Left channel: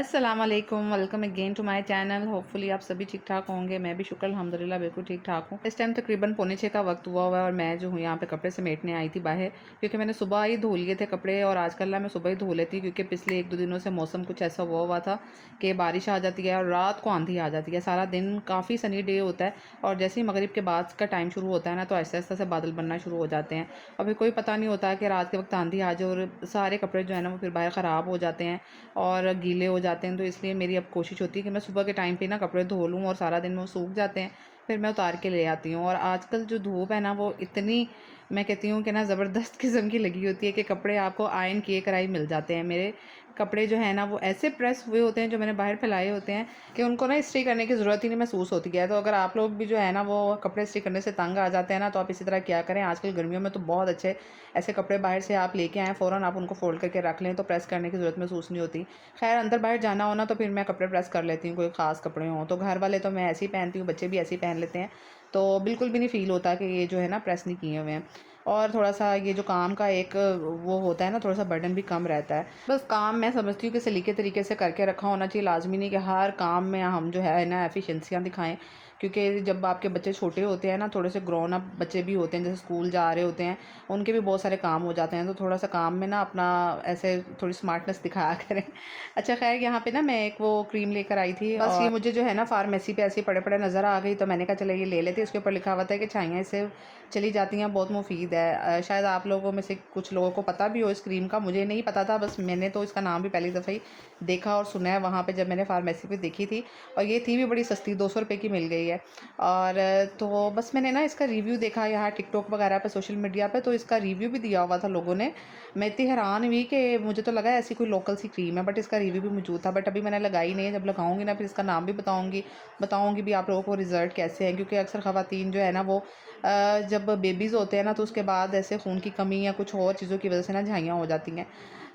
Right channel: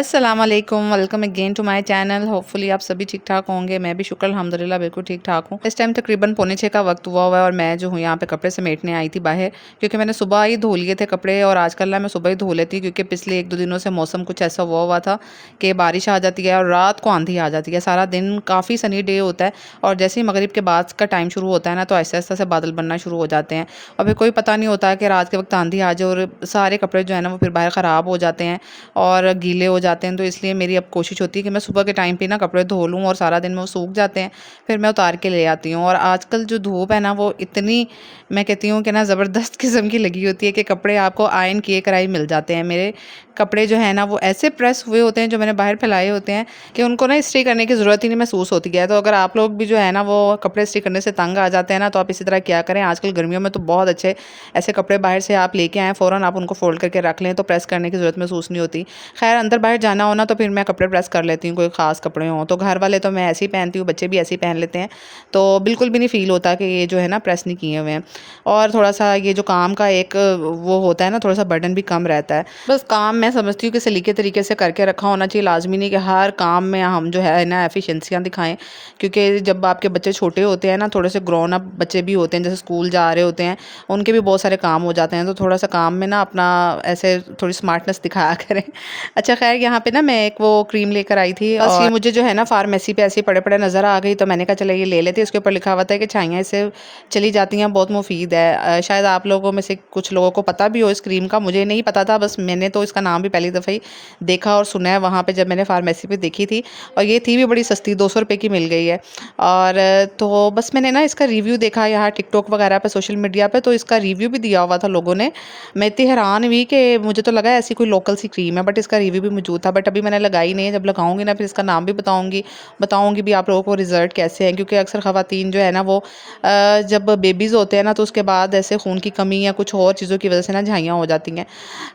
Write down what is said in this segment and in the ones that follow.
अस्सलामुअलैकुम, welcome again to my channel. Hopefully आप सभी ठीक ठाक होंगे। मैं भी शुक्र अल्हम्दुलिल्लाह बिल्कुल ठीक ठाक हूँ। इस टाइम तकरीबन पौने 6 का वक्त हुआ है और मैं जो हूँ यहाँ पे कपड़े समेटने आई थी बाहर, क्योंकि मैंने सुबह ही धो लिए थे कपड़े और आजकल ना मैं सुबह ही धो लेती हूँ, क्योंकि पिछले 1-2 दिनों से मौसम कुछ ऐसा हुआ था कि बारिश आ जाती है और रात को आंधी आ जाती है। सारा दिन काफ़ी सनी डे होता है और जैसे ही मगरिब के बाद का टाइम शुरू होता है ना, तो ऐसे-ऐसे से बादल बनना शुरू हो जाते हैं और फिर कोई पता नहीं होता कि रात के वक्त आंधी आ जाए और सारे कपड़े जो है ना वो फिर बाहर ख़राब हो जाते हैं और गीले हो जाते हैं। तो इसलिए मेरी अब कोशिश होती है कि मैं सुबह के टाइम पे ना कपड़े धो लूँ और सारा दिन में वो सूख जाते हैं, फिर मैं उतार के ले आती हूँ। और आजकल जो धूप है ना वो इतनी, मैं कहती हूँ कि ना ज़बरदस्त किस्म की लगी होती है कि कपड़े आपको आयरन किए कराए मिल जाते हैं। मेरे कपड़े जो है ना वो ऐसे प्रेस हुए होते हैं जो मैंने बाहर फैलाए होते हैं कि उनको ना इस्त्री करने की ज़रूरत ही नहीं महसूस होती है। तो अगर आप लोग भी जो है ना वो कपड़े इस्त्री करने से तंग आ जाते हैं ना, तो आप इसी तरह क्या करें, आजकल गर्मियों में तो बहुत अच्छे ऐसे कपड़े बाहर से आप लेके आएँ, फ़ौरन आप उनको फ़ोल्ड करके रख लें तो प्रेस करने की ज़रूरत महसूस नहीं होती। खैर अंदर बाहर जाना हो ना तो फिर मैं कपड़े प्रेस कर लेती हूँ, कोई ख़ास कपड़े हों तो। घर वाले तो मैं ऐसे ही पहनती हूँ, बच्चे भी ऐसे ही पहन लेते हैं, तो बिल्कुल भी नहीं फ़ील होता कि ये जो है ना प्रेस नहीं किए हुए हैं। और थोड़ा-सा ये जो काम का एक वो होता है ना, थोड़ा-सा बर्डन भी कम रहता है। बस काम मैं समझती हूँ कि सलीके तरीके से करके रखा होना चाहिए। लाज़मी नहीं कि हर काम में हम जो है ना एफ़िशिएंसियाँ दिखाएँ, क्योंकि जब आपके बच्चे छोटे होते हैं ना, थोड़े से ग्रोन अप बच्चे भी होते हैं, जैसे स्कूल जा रहे होते हैं, उनके भी बहुत सारे काम हो जाते हैं, तो थोड़ा-सा काम में ना अपना ऐसे थोड़ी स्मार्टनेस दिखाया करें। अच्छा ख़ैर यहाँ पे ना मैं एक वो क्रीम लेकर आई थी, बस ये मुझे जो है ना फ़ार्मेसी पे ऐसे ही पड़े-पड़े नज़र आ गई, तो मैंने कहा चलो ये ले लेते हैं। इसके ऊपर लिखा हुआ था कि छाइयाँ इससे चली जाती हैं, बहुत मुफ़ीद है। शायद आप लोगों में से कुछ लोगों को पता भी हो इस क्रीम का, मुझे नहीं पता था, बस मैंने तो इसका नाम भी पहली दफ़ा ही देखा और सुना है वहाँ पे जब मैंने फ़ार्मेसी पे देखी थी। और ये थी भी बड़ी सस्ती, 200 रुपए की मिल गई है। और तो बस मैंने ना इसका रिव्यू देखा यहाँ टिकटॉक वगैरह पे, सोशल मीडिया पे, तो इसका रिव्यू भी दिया हुआ था लोगों ने। मैं इतनी हैरान हुई कि मुझे तो लगा ऐसी कोई लोकल सी क्रीम है, बट इसका रिव्यू भी मौजूद था। बट अभी मैंने लगाई नहीं है, जब लगाऊंगी ना फिर इसका नाम भी बताऊंगी भी आप लोगों को रिज़ल्ट कैसे हैं, क्योंकि अक्सर ख़वातीन जो है ना वो जब बेबीज़ होते हैं ना तो उसके बाद ऐसे खून की कमी या कुछ और चीज़ों की वजह से ना झाइयाँ हो जाती हैं।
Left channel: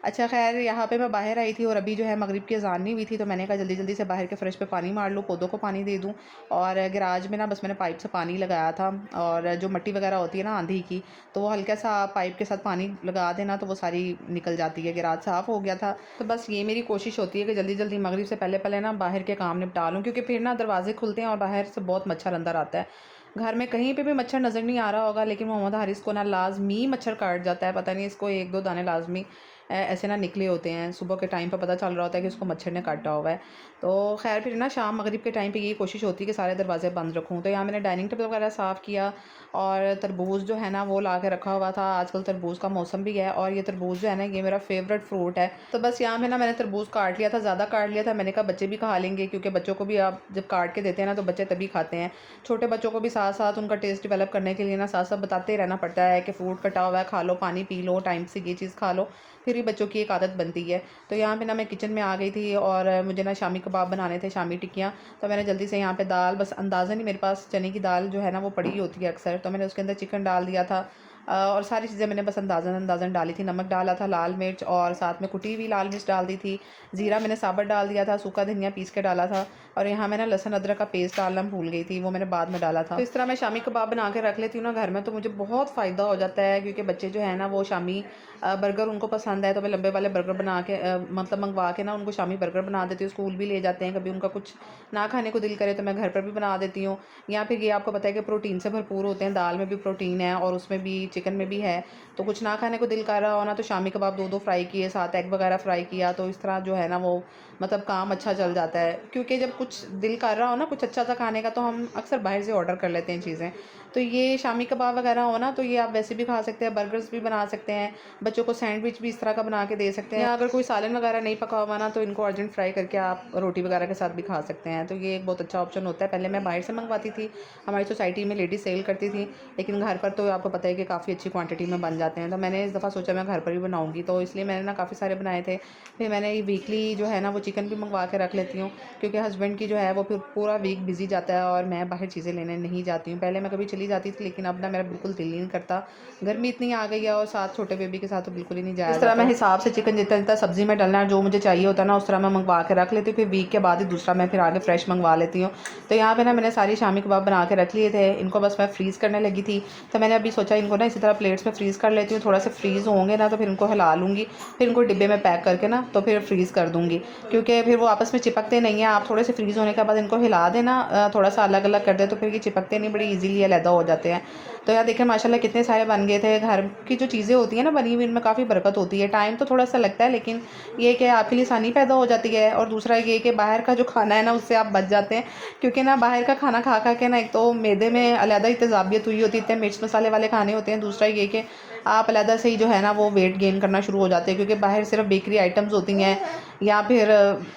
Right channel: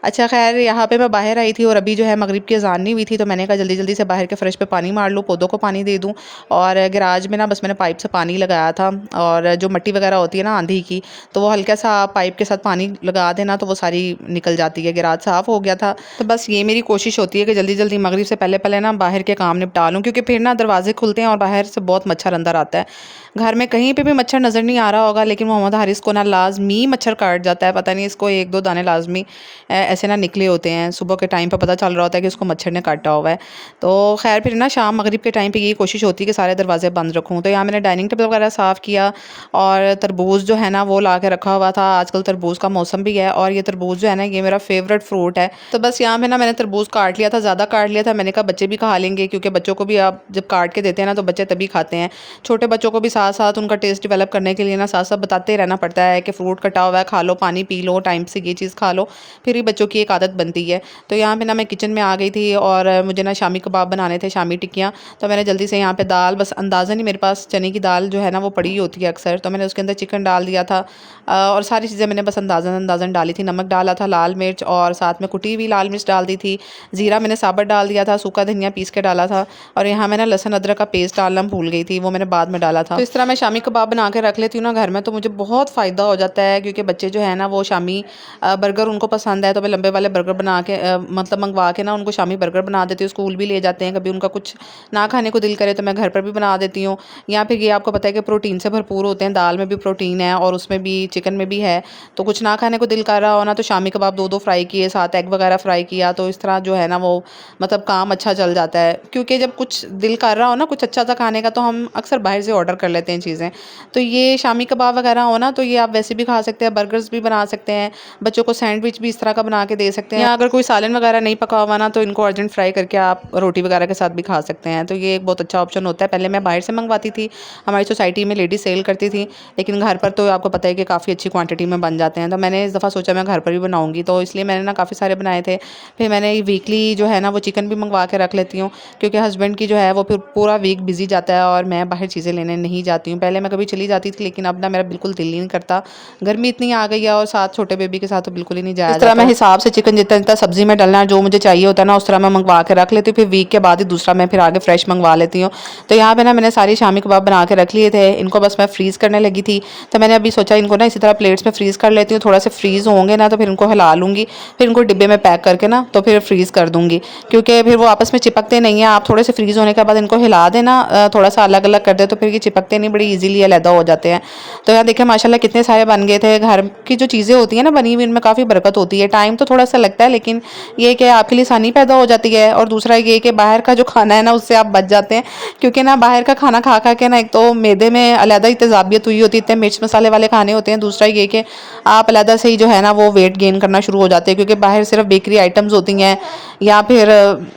अच्छा ख़ैर यहाँ पे मैं बाहर आई थी और अभी जो है मगरिब की अज़ान नहीं हुई थी, तो मैंने कहा जल्दी-जल्दी से बाहर के फ़र्श पे पानी मार लूँ, पौधों को पानी दे दूँ। और गैराज में ना बस मैंने पाइप से पानी लगाया था और जो मिट्टी वगैरह होती है ना आंधी की, तो वो हल्का सा पाइप के साथ पानी लगा देना तो वो सारी निकल जाती है। गैराज साफ़ हो गया था। तो बस ये मेरी कोशिश होती है कि जल्दी-जल्दी मगरिब से पहले-पहले ना बाहर के काम निपटा लूँ, क्योंकि फिर ना दरवाज़े खुलते हैं और बाहर से बहुत मच्छर अंदर आता है। घर में कहीं पे भी मच्छर नज़र नहीं आ रहा होगा, लेकिन मोहम्मद हारिस को ना लाज़मी मच्छर काट जाता है। पता नहीं इसको 1-2 दाने लाज़मी ऐसे ना निकले होते हैं। सुबह के टाइम पे पता चल रहा होता है कि उसको मच्छर ने काटा हुआ है। तो ख़ैर फिर ना शाम मगरिब के टाइम पे ये कोशिश होती है कि सारे दरवाज़े बंद रखूँ। तो यहाँ मैंने डाइनिंग टेबल वगैरह साफ़ किया और तरबूज़ जो है ना वो ला के रखा हुआ था। आजकल तरबूज़ का मौसम भी है और ये तरबूज़ जो है ना ये मेरा फ़ेवरेट फ्रूट है। तो बस यहाँ पे ना मैंने तरबूज़ काट लिया था, ज़्यादा काट लिया था। मैंने कहा बच्चे भी खा लेंगे, क्योंकि बच्चों को भी आप जब काट के देते हैं ना तो बच्चे तभी खाते हैं। छोटे बच्चों को भी साथ-साथ उनका टेस्ट डेवलप करने के लिए ना साथ-साथ बताते रहना पड़ता है कि फ्रूट कटा हुआ है, खा लो, पानी पी लो, टाइम से ये चीज़ खा लो, फिर ही बच्चों की एक आदत बनती है। तो यहाँ पे ना मैं किचन में आ गई थी और मुझे ना शामी कबाब बनाने थे, शामी टिक्कियाँ। तो मैंने जल्दी से यहाँ पे दाल, बस अंदाज़न ही मेरे पास चने की दाल जो है ना वो पड़ी होती है अक्सर, तो मैंने उसके अंदर चिकन डाल दिया था। और सारी चीज़ें मैंने बस अंदाज़न डाली थी। नमक डाला था, लाल मिर्च और साथ में कुटी हुई लाल मिर्च डाल दी थी। ज़ीरा मैंने साबुत डाल दिया था, सूखा धनिया पीस के डाला था और यहाँ मैं ना लहसुन अदरक का पेस्ट डालना भूल गई थी, वो मैंने बाद में डाला था। तो इस तरह मैं शामी कबाब बना के रख लेती हूँ ना घर में, तो मुझे बहुत फ़ायदा हो जाता है, क्योंकि बच्चे जो है ना वो शामी बर्गर उनको पसंद है, तो मैं लंबे वाले बर्गर बना के मतलब मंगवा के ना उनको शामी बर्गर बना देती हूँ। स्कूल भी ले जाते हैं, कभी उनका कुछ ना खाने को दिल करे तो मैं घर पर भी बना देती हूँ। या फिर ये आपको पता है कि प्रोटीन से भरपूर होते हैं, दाल में भी प्रोटीन है और उसमें भी चिकन में भी है। तो कुछ ना खाने को दिल कर रहा हो ना तो शामी कबाब 2-2 फ्राई किए, साथ एग वगैरह फ्राई किया, तो इस तरह जो है ना वो मतलब काम अच्छा चल जाता है। क्योंकि जब कुछ दिल कर रहा हो ना कुछ अच्छा सा खाने का, तो हम अक्सर बाहर से ऑर्डर कर लेते हैं चीज़ें। तो ये शामी कबाब वगैरह हो ना तो ये आप वैसे भी खा सकते हैं, बर्गर्स भी बना सकते हैं, बच्चों को सैंडविच भी इस तरह का बना के दे सकते हैं। या अगर कोई सालन वगैरह नहीं पका हुआ ना तो इनको अर्जेंट फ्राई करके आप रोटी वगैरह के साथ भी खा सकते हैं। तो ये एक बहुत अच्छा ऑप्शन होता है। पहले मैं बाहर से मंगवाती थी, हमारी सोसाइटी में लेडी सेल करती थी, लेकिन घर पर तो आपको पता है कि काफ़ी अच्छी क्वांटिटी में बन जाते हैं। तो मैंने इस दफ़ा सोचा मैं घर पर भी बनाऊँगी, तो इसलिए मैंने ना काफ़ी सारे बनाए थे। फिर मैंने वीकली जो है ना वो चिकन भी मंगवा के रख लेती हूँ, क्योंकि हस्बैंड की जो है वो फिर पूरा वीक बिज़ी जाता है और मैं बाहर चीज़ें लेने नहीं जाती हूँ। पहले मैं कभी चली जाती थी, लेकिन अब ना मेरा बिल्कुल दिल ही नहीं करता। गर्मी इतनी आ गई है और साथ छोटे बेबी के साथ तो बिल्कुल ही नहीं जाया जाता। इस तरह मैं हिसाब से चिकन जितना-जितना सब्ज़ी में डलना है, जो मुझे चाहिए होता है ना, उस तरह मैं मंगवा के रख लेती हूँ। फिर वीक के बाद ही दूसरा मैं फिर आगे फ्रेश मंगवा लेती हूँ। तो यहाँ पे ना मैंने सारी शामी कबाब बना के रख लिए थे। इनको बस मैं फ्रीज़ करने लगी थी, तो मैंने अभी सोचा इनको ना इसी तरह प्लेट्स में फ्रीज़ कर लेती हूँ। थोड़ा से फ्रीज़ होंगे ना तो फिर इनको हिला लूँगी, फिर इनको डिब्बे में पैक करके ना तो फिर फ्रीज़ कर दूँगी। दूँगी, क्योंकि फिर वो आपस में चिपकते नहीं हैं। आप थोड़े से फ्रीज़ होने के बाद इनको हिला देना, थोड़ा-सा अलग-अलग कर दें तो फिर ये चिपकते नहीं, बड़ी ईज़िली अलहदा हो जाते हैं। तो यहाँ देखिए माशाल्लाह कितने सारे बन गए थे। घर की जो चीज़ें होती हैं ना बनी हुई, इनमें काफ़ी बरकत होती है। टाइम तो थोड़ा-सा लगता है, लेकिन ये कि आपके लिए आसानी पैदा हो जाती है, और दूसरा ये कि बाहर का जो खाना है ना उससे आप बच जाते हैं, क्योंकि ना बाहर का खाना खा के ना एक तो मैदे में अलहदा ही तेज़ाबियत हुई होती है, इतने मिर्च मसाले वाले खाने होते हैं। दूसरा ये कि आप अलहदा से ही जो है ना वो वेट गेन करना शुरू हो जाते हैं, क्योंकि बाहर सिर्फ बेकरी आइटम्स होती हैं, या फिर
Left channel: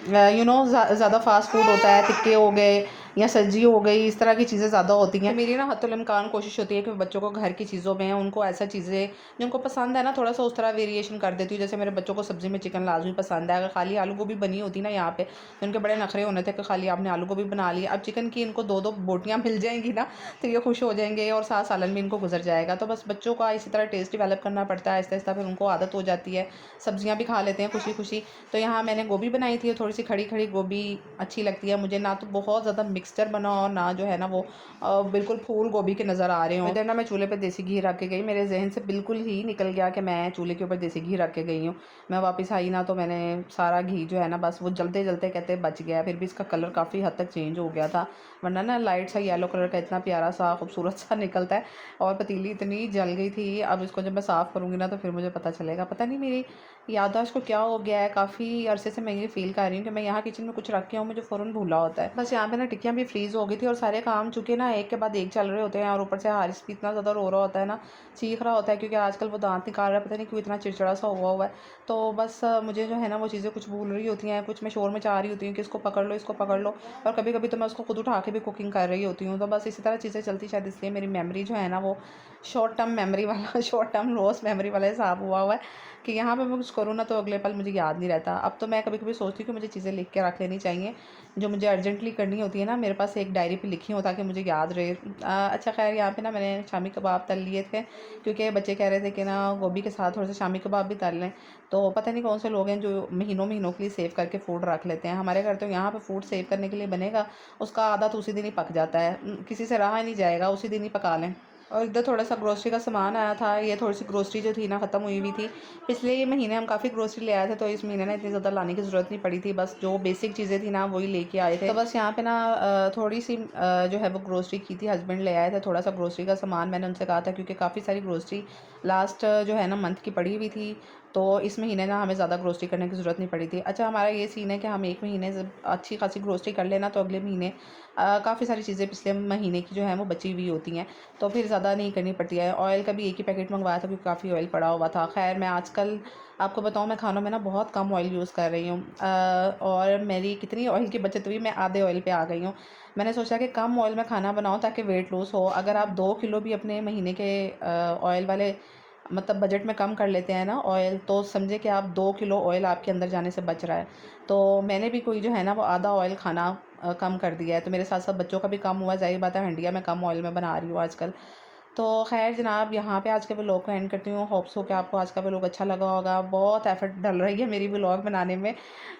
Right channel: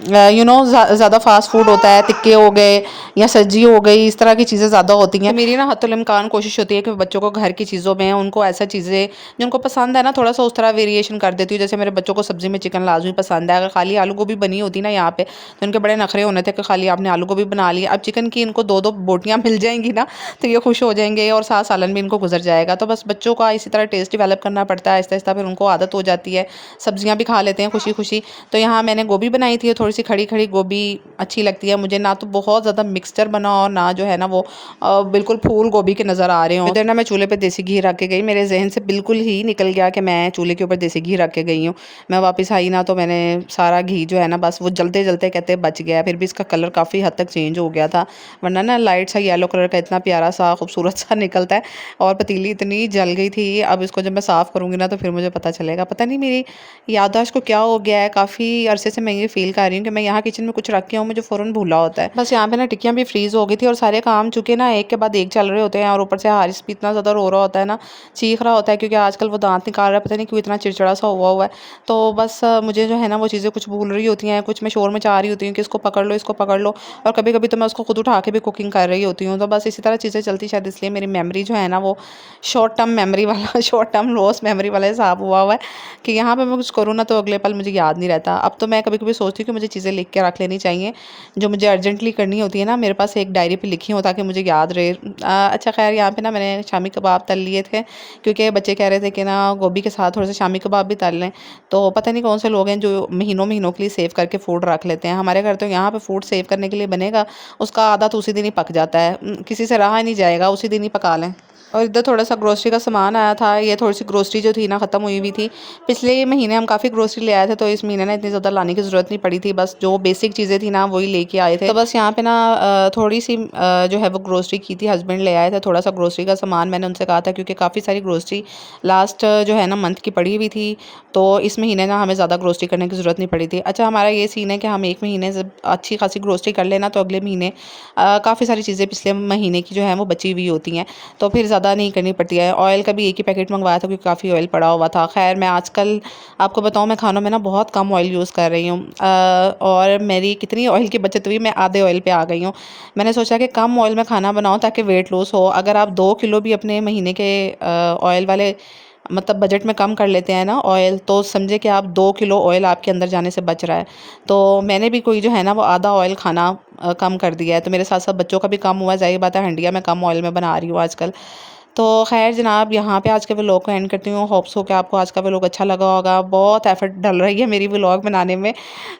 ज़्यादा फास्ट फूड होता है, टिक्के हो गए या सब्जी हो गई, इस तरह की चीज़ें ज़्यादा होती हैं। तो मेरी ना हत्तुल इम्कान कोशिश होती है कि बच्चों को घर की चीज़ों में उनको ऐसा चीज़ें जो उनको पसंद है ना थोड़ा सा उस तरह वेरिएशन कर देती हूँ। जैसे मेरे बच्चों को सब्ज़ी में चिकन लाजमी पसंद है, अगर खाली आलू गोभी बनी होती ना यहाँ पे तो इनके बड़े नखरे होने थे कि खाली आपने आलू गोभी बना ली। अब चिकन की इनको 2-2 बोटियाँ मिल जाएँगी ना तो ये खुश हो जाएँगे, और साथ सालन भी इनको गुजर जाएगा। तो बस बच्चों का इसी तरह टेस्ट डेवलप करना पड़ता है आहिस्ता-आहिस्ता, फिर उनको आदत हो जाती है, सब्जियाँ भी खा लेते हैं खुशी-खुशी। तो यहाँ मैंने गोभी बनाई थी, थोड़ी-सी खड़ी-खड़ी गोभी अच्छी लगती है मुझे, ना तो बहुत ज़्यादा मिक्सचर बना और ना जो है ना वो बिल्कुल फूल गोभी के नज़र आ रहे हों। इधर ना मैं चूल्हे पे देसी घी रख के गई, मेरे ज़हन से बिल्कुल ही निकल गया कि मैं चूल्हे के ऊपर देसी घी रख के गई हूँ। मैं वापस आई ना तो मैंने सारा घी जो है ना बस वो जलते-जलते कहते बच गया, फिर भी इसका कलर काफ़ी हद तक चेंज हो गया था। वरना ना लाइट सा येलो कलर का इतना प्यारा सा खूबसूरत सा निकलता है, और पतीली इतनी जल गई थी। अब इसको जब मैं साफ़ करूँगी ना तो फिर मुझे पता चलेगा। पता नहीं मेरी याददाश्त को क्या हो गया है, काफ़ी अरसे से मैं ये फ़ील कर रही हूँ कि मैं यहाँ किचन में कुछ रख के हूँ, मुझे फ़ौरन भूला होता है। बस यहाँ पे ना टिक्कियाँ भी फ्रीज़ हो गई थी, और सारे काम चूँकि ना एक के बाद एक चल रहे होते हैं, और ऊपर से हारिस भी इतना ज़्यादा रो रहा होता है ना, चीख रहा होता है, क्योंकि आजकल वो दाँत निकाल रहा है, पता नहीं क्यों इतना चिड़चिड़ा सा हुआ है। तो बस मुझे जो है ना वो चीज़ें कुछ भूल रही होती हैं, कुछ मैं शोर मचा रही होती हूँ कि इसको पकड़ लो, इसको पकड़ लो, और कभी-कभी तो मैं उसको खुद उठा के भी कुकिंग कर रही होती हूँ। तो बस इसी तरह चीज़ें चलती, शायद इसलिए मेरी मेमोरी जो है ना वो शॉर्ट टर्म मेमोरी वाला शॉर्ट टर्म लॉस मेमोरी वाला हिसाब हुआ है, कि यहाँ पे मैं कुछ करूँ ना तो अगले पल मुझे याद नहीं रहता। अब तो मैं कभी-कभी सोचती हूँ कि मुझे चीज़ें लिख के रख लेनी चाहिए, जो मुझे अर्जेंटली करनी होती है ना, मेरे पास एक डायरी पे लिखी हो ताकि मुझे याद रहे। अच्छा ख़ैर यहाँ पे ना मैंने शामी कबाब तल लिए थे, क्योंकि बच्चे कह रहे थे कि ना गोभी के साथ थोड़े से शामी कबाब भी तल लें। तो पता नहीं कौन से लोग हैं जो महीनों-महीनों के लिए सेव करके फूड रख लेते हैं। हमारे घर तो यहाँ पे फूड सेव करने के लिए बनेगा, उसका आधा तो उसी दिन ही पक जाता है। किसी से रहा ही नहीं जाएगा, उसी दिन ही पका लें। और इधर थोड़ा-सा ग्रोसरी का सामान आया था, ये थोड़ी-सी ग्रोसरी जो थी ना ख़त्म हुई हुई थी। पिछले महीने हम काफ़ी ग्रोसरी ले आए थे, तो इस महीने ना इतनी ज़्यादा लाने की ज़रूरत नहीं पड़ी थी, बस जो बेसिक चीज़ें थी ना वही लेके आए थे। तो बस यहाँ पे ना थोड़ी-सी जो है वो ग्रोसरी की थी, हस्बैंड ले आए थे थोड़ा-सा ग्रोसरी का सामान, मैंने उनसे कहा था, क्योंकि काफ़ी सारी ग्रोसरी लास्ट जो है ना मंथ की पड़ी हुई थी, तो इस महीने ना हमें ज़्यादा ग्रोसरी करने की ज़रूरत नहीं पड़ी थी। अच्छा हमारा ये सीन है कि हम 1 महीने से अच्छी खासी ग्रोसरी कर लेना तो अगले महीने काफ़ी सारी चीज़ें पिछले महीने की जो है वो बची हुई होती हैं, तो फिर ज़्यादा नहीं करनी पड़ती है। ऑयल का भी एक ही पैकेट मंगवाया था, क्योंकि काफ़ी ऑयल पड़ा हुआ था। ख़ैर मैं आजकल आपको बताऊँ, मैं खानों में ना बहुत कम ऑयल यूज़ कर रही हूँ, और मेरी कितनी ऑयल की बचत हुई, मैं आधे ऑयल पे आ गई हूँ। मैंने सोचा कि कम ऑयल में खाना बनाऊँ ताकि वेट लॉस हो। अगर आप 2 किलो भी अपने महीने के ऑयल वाले मतलब बजट में कम कर लेते हैं ना ऑयल, तो समझे कि आप 2 किलो ऑयल आपके अंदर जाने से बच रहा है। तो मैंने भी कोई जो है ना वो आधा ऑयल खाना कम कर दिया है। तो मेरे साथ-साथ बच्चों का भी कम हुआ है, ज़ाहिर बात है हंडिया मैं कम ऑयल में बना रही हूँ आजकल। तो ख़ैर जनाब यहाँ पे आज के व्लॉग को एंड करती हूँ। होप्स हो कि आपको आज का व्लॉग अच्छा लगा होगा। बहुत एफ़र्ट डल रही है मेरी व्लॉग बनाने में।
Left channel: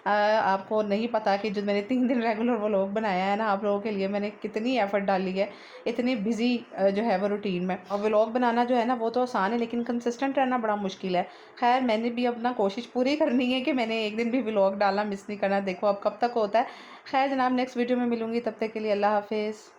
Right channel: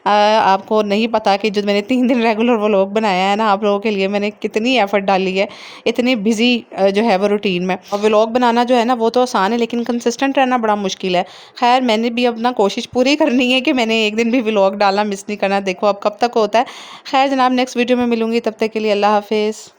आपको नहीं पता कि जो मैंने 3 दिन रेगुलर व्लॉग बनाया है ना आप लोगों के लिए, मैंने कितनी एफ़र्ट डाली है, इतनी बिज़ी जो है वो रूटीन में। और व्लॉग बनाना जो है ना वो तो आसान है, लेकिन कंसिस्टेंट रहना बड़ा मुश्किल है। ख़ैर मैंने भी अपना कोशिश पूरी करनी है कि मैंने एक दिन भी व्लॉग डालना मिस नहीं करना। देखो अब कब तक होता है। ख़ैर जनाब नेक्स्ट वीडियो में मिलूँगी, तब तक के लिए अल्लाह हाफ़िज़।